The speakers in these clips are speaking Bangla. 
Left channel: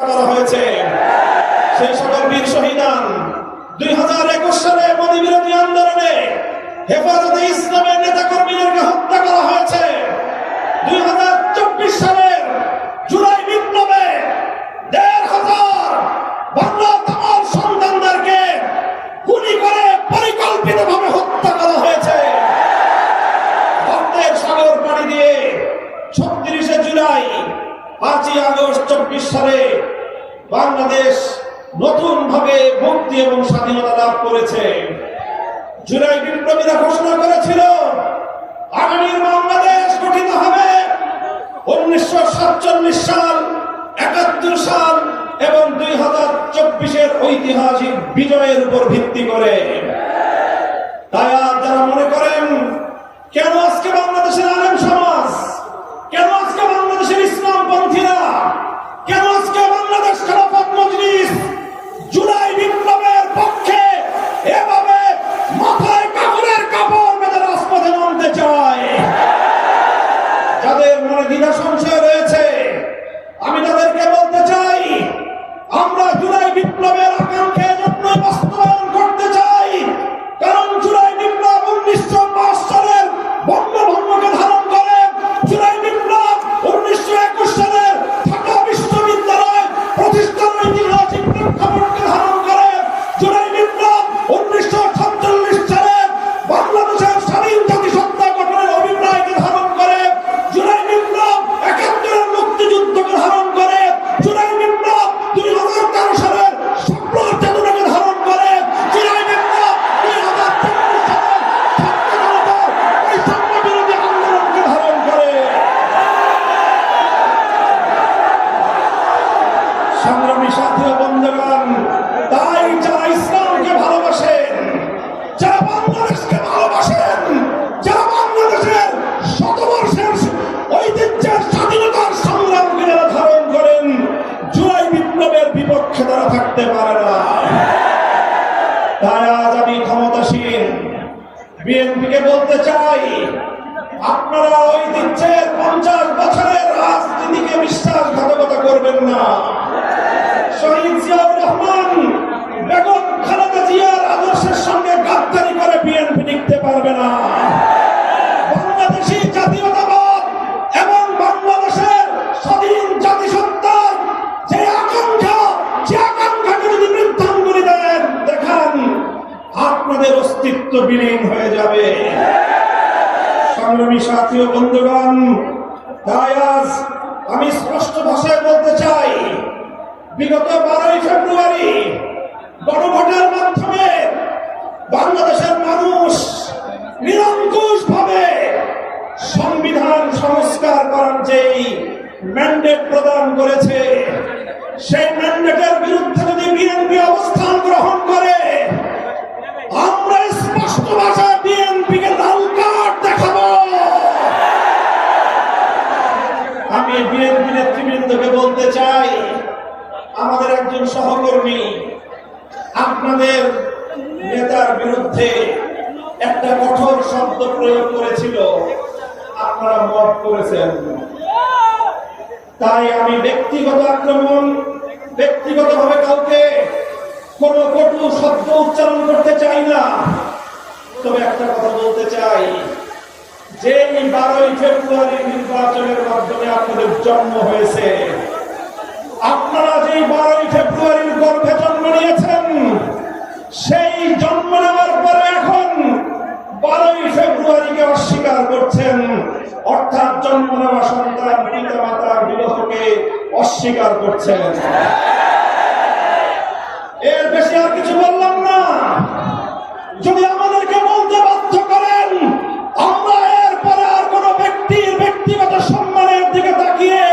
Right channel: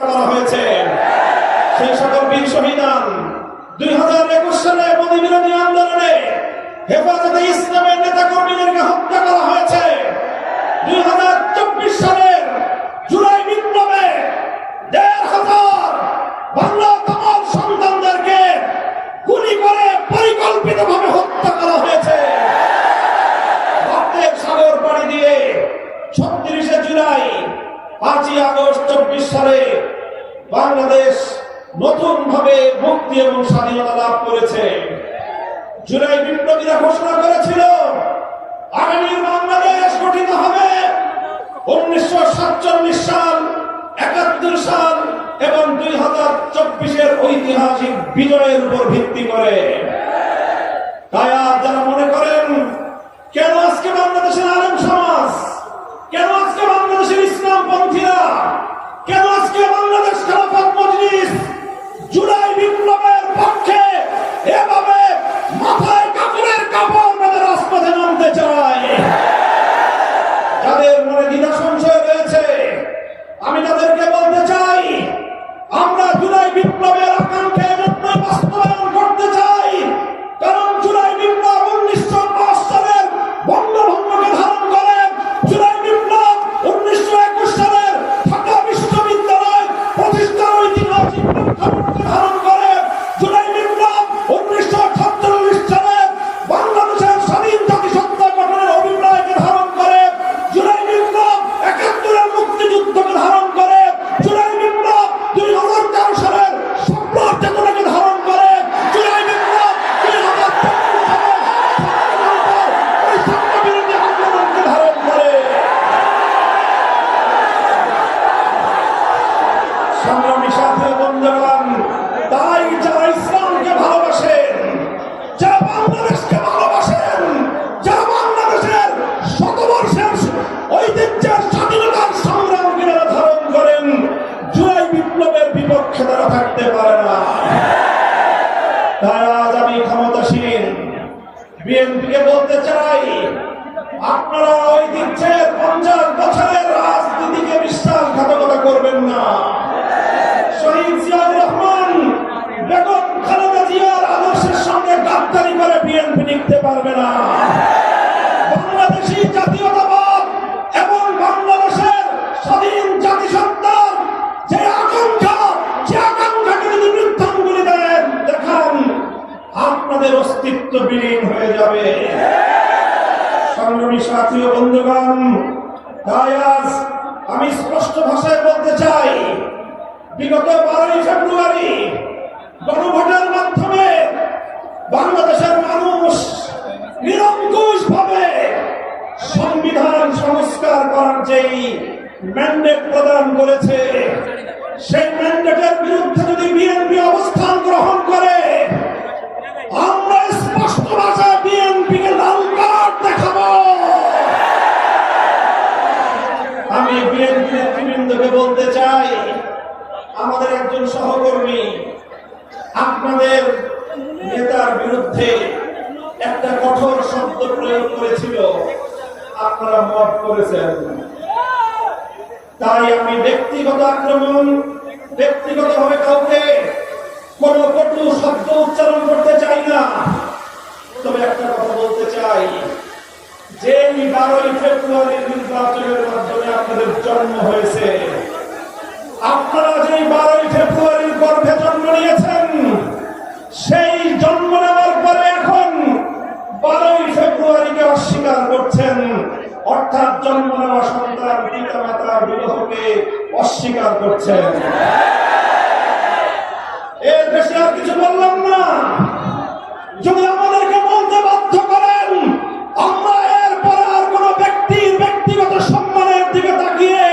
করা হয়েছে। সেই সকল বীর শহীদান 2021 সালে মোদী বিরোধী আন্দোলনে হেফাজতে ইসলামের নেতা কর্মীদেরকে হত্যা করা হয়েছে। 2024 সালের জুলাই বিপ্লবে 1,500 বাংলা তামার সন্তানদেরকে গুলি করে পরিকল্পিতভাবে হত্যা করা হয়েছে। রক্তের সাগর পাড়ি দিয়ে 36শে জুলাই 5ই আগস্ট 24 সালে বাংলাদেশ নতুন ভাবে মুক্তি এবং স্বাধীনতা লাভ করেছে। জুলাই বিপ্লবীরা ঘোষণা করেছিল আগামী বাংলাদেশ গঠিত হবে 1947 সাল, 71 সাল এবং 2024-এর ঐতিহাসিক বিজয়ের উপর ভিত্তি করে। তাই যারা মনে করেন কেন আজকে বাংলাদেশের আলেম সমাজ, কেন আজকে বাংলাদেশের ইসলামপন্থীরা, কেন আজকে বাংলাদেশ খেলাফত মজলিস জুলাই বিপ্লবের পক্ষে এভাবে মাথায় কাপড়ের কাপড় বেঁধে রাজপথে নামতে চায়, যাদের মনে দ্বিধা সংশয় রয়েছে, আমি তাদেরকে বলতে চাই আমরা জুলাই বিপ্লবের আকাঙ্ক্ষা জন্যই বাস্তবায়ন করতে চাই। কারণ জুলাই বিপ্লব 1905 সালের বঙ্গভঙ্গকে ধারণ করে, জুলাই বিপ্লব 1921 সালের ঢাকা বিশ্ববিদ্যালয় প্রতিষ্ঠার ঐতিহাসিক প্রেক্ষাপটকে ধারণ করে, জুলাই বিপ্লব 1947 সালের বাংলাদেশের স্বাধীন জাতিসত্তা গঠনের অভিপ্রায়কে ধারণ করে, জুলাই বিপ্লব 71-এর মুক্তিযুদ্ধকে ধারণ করে, জুলাই বিপ্লব 2013 সালের সম্রাট চেতনাকে ধারণ করে, জুলাই বিপ্লব 2024 সালের ছাত্র বিরোধী আন্দোলনকে ধারণ করে। সংগ্রামী সাথী ও বন্ধুগণ, তাই যারা ইসলামকে ভালোবাসেন, যারা বাংলাদেশকে ভালোবাসেন, যারা বাংলাদেশের শতবর্ষের ঐতিহ্যের স্বাধীনতার সংগ্রামকে যারা ধারণ করেন, জুলাই বিপ্লবের বিপক্ষে তারা থাকতে পারে না। তাই আজ আমি ক্ষমতাসীন বিএনপিকে বলতে চাই, আপনারা ঐতিহ্যের 50 বছরের রাজনীতিকে বিশ্বাসঘাতকতা করবেন না। শহীদ জিয়াউর রহমান, বেগম খালেদা জিয়ার আদর্শের সঙ্গে গাদ্দারি করে বিএনপি টিকতে পারবে না। বাংলাদেশী জাতীয়তাবাদ এবং বাংলাদেশের স্বাধীন জাতিসত্তার যে আকাঙ্ক্ষা, সে আকাঙ্ক্ষাকে যদি বৃদ্ধাঙ্গুলি দেখান, আপনাদের অস্তিত্ব বিলীন হয়ে যাবে। সংগ্রামী সাথী ও বন্ধুগণ, তাই আজ আমি স্পষ্ট ভাষায় বলতে চাই, বিগত 12ই ফেব্রুয়ারি গণভোটের মাধ্যমে বাংলাদেশের মানুষ নিরঙ্কুশ ভাবে সংবিধান সংস্কার করার যেই ম্যান্ডেট প্রদান করেছে, সেই ম্যান্ডেটের বিরুদ্ধে যদি বিএনপি অবস্থান গ্রহণ করে, আমরা স্পষ্ট ভাষায় বিএনপিকে লাল কার্ড দেখাবো। আমি বিএনপি নেতৃবৃন্দকে বলতে চাই, আমাদের একজন সহকর্মী আপনাদের নেতার বিরুদ্ধে একটা কঠোর শব্দ প্রয়োগ করেছিল, আপনারা মাফ করেছেন। তাই আমি ব্যক্তিগত আক্রমণ, ব্যক্তিগতভাবে কাউকে কোন কটু শব্দ উচ্চারণ করতে চাই না। তবে একটা কথা বলতে চাই, যে 12ই ফেব্রুয়ারি নির্বাচনের মাধ্যমে আপনাদের জন্ম হয়েছে, আপনারা যে 12ই ফেব্রুয়ারির গর্ভে জন্ম নিয়েছেন, সেই জন্ম নেওয়ার পরে এখন 12ই ফেব্রুয়ারিকে অস্বীকার করছেন, অর্থাৎ জন্ম নেওয়া সন্তান পিতা মাতার বিবাহকে অস্বীকার করছেন। এর বেশি আর কিছু বললাম না। যদি আমাদেরকে বলতে বাধ্য করেন, আমরা এরপরে আর কোন ব্যক্তির ব্যক্তিগত সম্মানের দিকে তাকিয়ে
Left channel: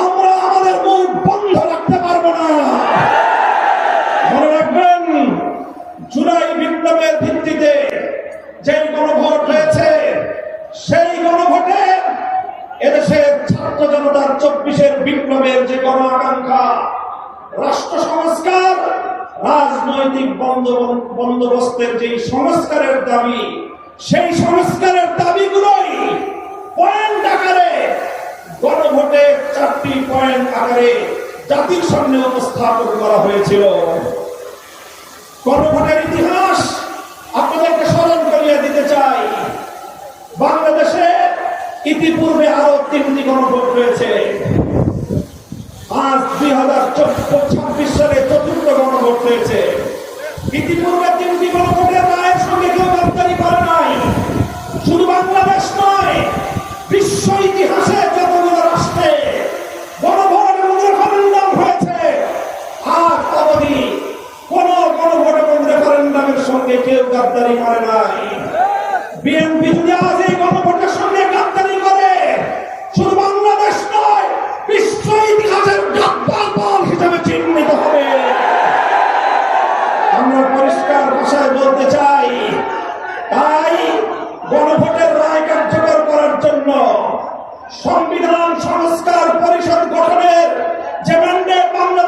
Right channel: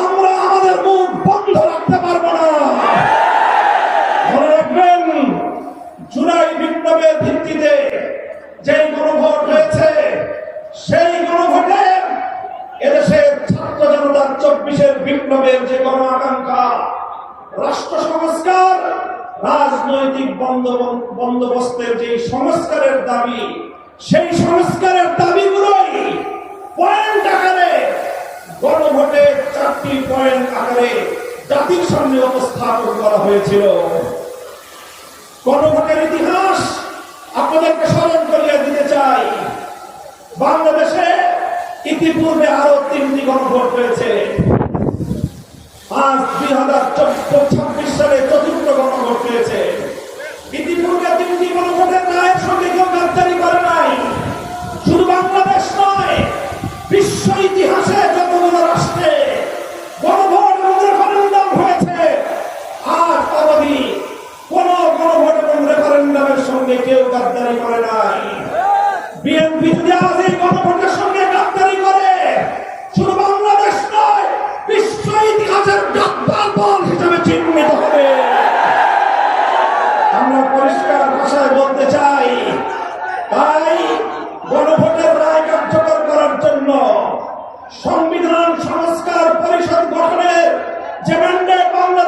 আমরা আমাদের মুখ বন্ধ রাখতে পারবো না। মনে রাখবেন, জুলাই বিপ্লবের ভিত্তিতে যে গণভোট হয়েছে, সেই গণভোটে এদেশের ছাত্র জনতার 24-এর বিপ্লবের যে গণ আকাঙ্ক্ষা, রাষ্ট্র সংস্কার, রাজনৈতিক বন্দোবস্তের যে সংস্কারের দাবি, সেই সংস্কারের দাবিগুলোই পয়েন্ট আকারে গণভোটের 4টি পয়েন্ট আকারে জাতির সামনে উপস্থাপন করা হয়েছিল। গণভোটের ইতিহাস আপনাদেরকে স্মরণ করিয়ে দিতে চাই। বাংলাদেশে ইতিপূর্বে আরো 3টি গণভোট হয়েছে। আজ 2026 সালে 4র্থ গণভোট হয়েছে। ইতিপূর্বে 3টি গণভোটের রায়ের সঙ্গে কেউ গাদ্দারি করে নাই। শুধু বাংলাদেশ নয়, বিশ্ব ইতিহাসে যতগুলো রাষ্ট্রে গণভোট এবং রেফারেন্ডাম হয়েছে, আজ অবধি কোন গণভোট এবং রেফারেন্ডামের সঙ্গে কেউ গাদ্দারি করে নাই। বিএনপি যদি আজ এই গণভোটের সঙ্গে গাদ্দারি করে, শুধু বাংলাদেশ নয়, বিশ্ব ইতিহাসের গাদ্দার দল হিসেবে চিহ্নিত হবে। আমরা পরিষ্কার ভাষায় বলতে চাই, তাই গণভোটের রায় কার্যকর করার জন্য সংবিধান সংস্কার পরিষদ গঠনের যে ম্যান্ডেট বাংলা